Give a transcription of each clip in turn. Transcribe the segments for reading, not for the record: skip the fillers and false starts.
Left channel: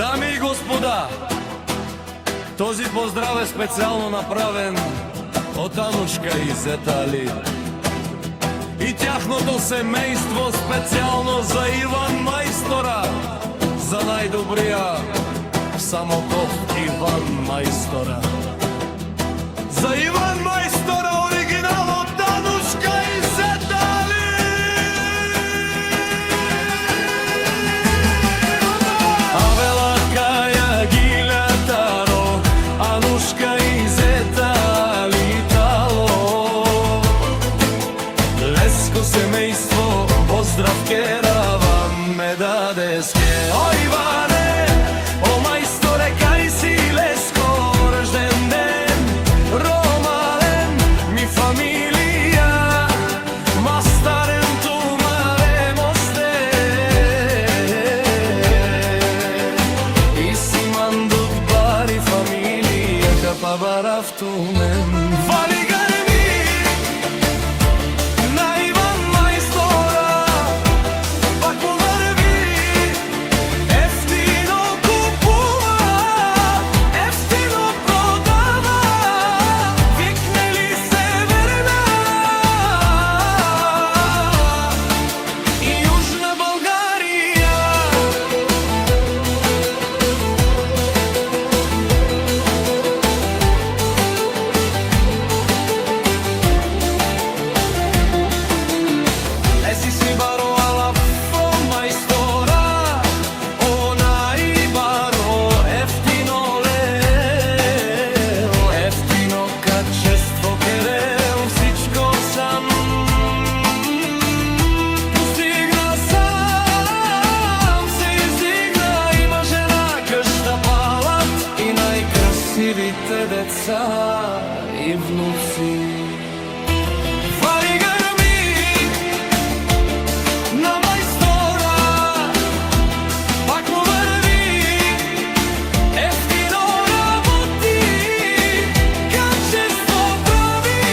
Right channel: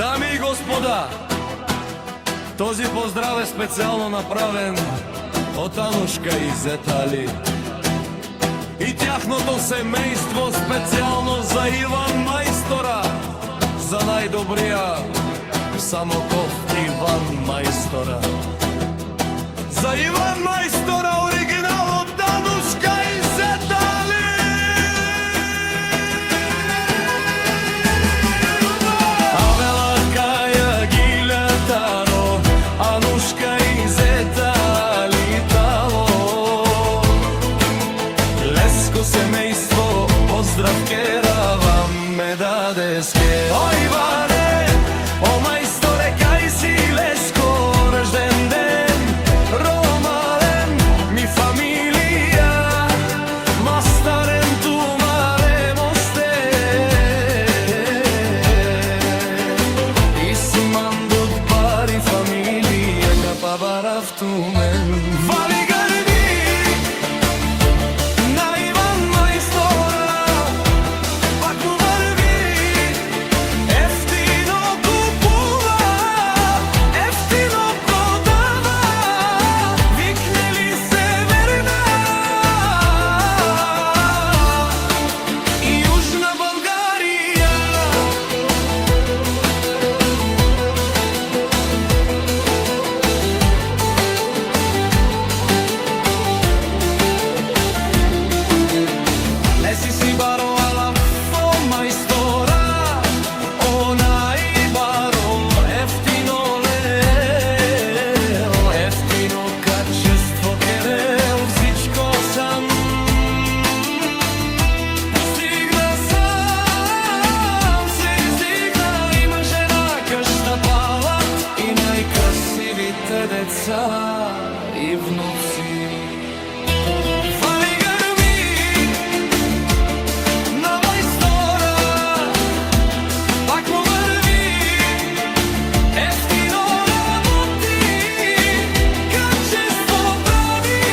Дами и господа, този поздрав е специјално направен од Анушка и Зета Али и тяхното семејство, специјално за Иван Мајстора, за најдобрија Самоков Иван Мајстора. За Иван Мајстора, оригинал од Анушка и Зета Али. Авела Каја Гилјатаро, Анушка и Зета Али тало. Леско семејство, поздрав керавам ме дадеске. О Иване, о мајсторе, кај си леско, рожден ден, ромален ми фамилија, мастарен тумаре мосте. И си мандут бари фамилија, капа барав тумен. Вали гарми на Иван Мајстора, пак му врви, ефтино купува, ефтино продава, викнели Северна и Јужна Българија. Леси си баро алафо мајстора, онај баро ефтино лел, ефтино качество керел, всичко сам постигна, сам се издигна, има жена, къща, палат и најкрасивите деца и внуци. Фали грми на Мајстора, пак му врви, ефтино работи, качество прави,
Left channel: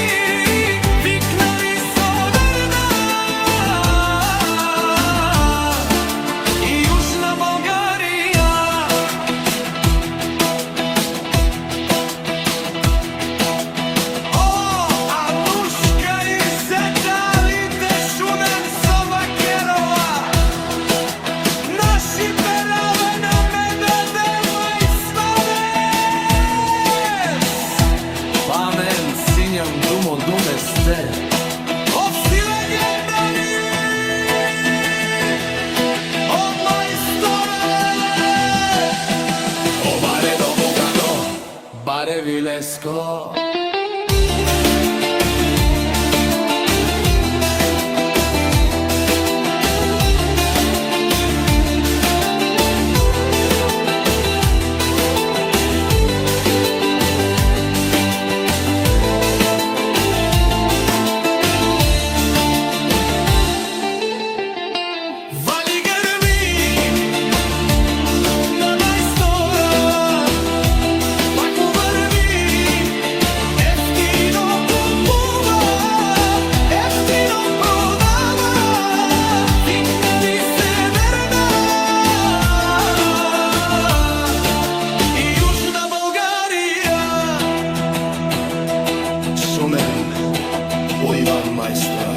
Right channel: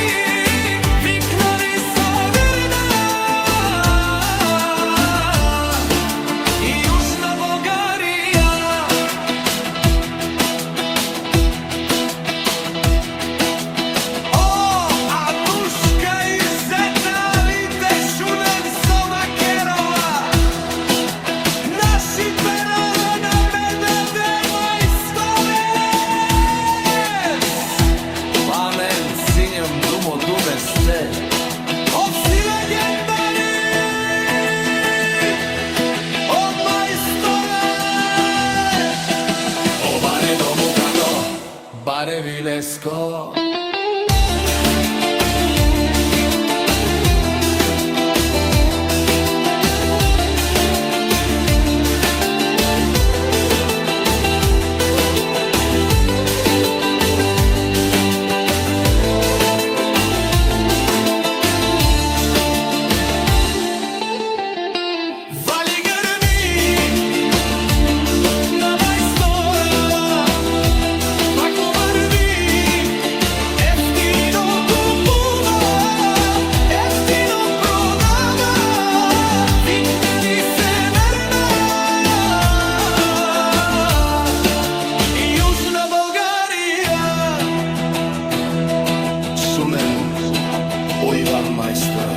викнали Северна и Јужна Българија. О, Анушка и Зета Али, те шунем со Вакерова, наши перове на ме даде Мајсторец. Памен, синјам, думо, думе сте, овси легендари, о Мајсторе, о баре дому како, баре вилеско. Вали грми на Мајстора, пак му врви, ефтино купува, ефтино продава, викнали Северна и Јужна Българија. Шумен о Иван Мајстора,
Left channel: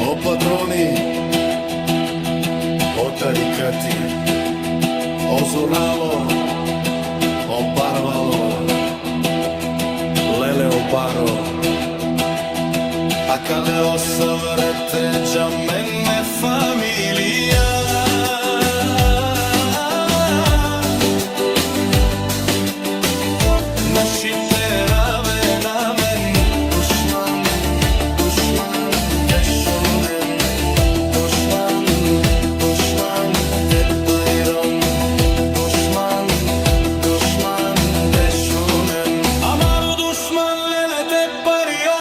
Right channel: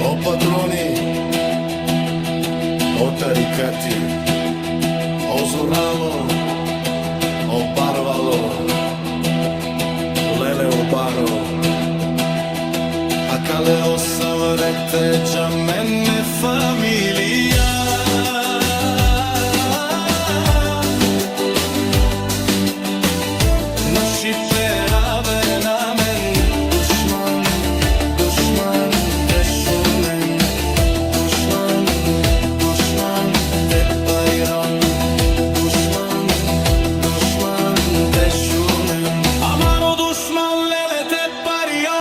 о патрони, о тарикати, о Зорало, о Барвало, леле о баро, а кале о саврете джамен ме фамилија. Наши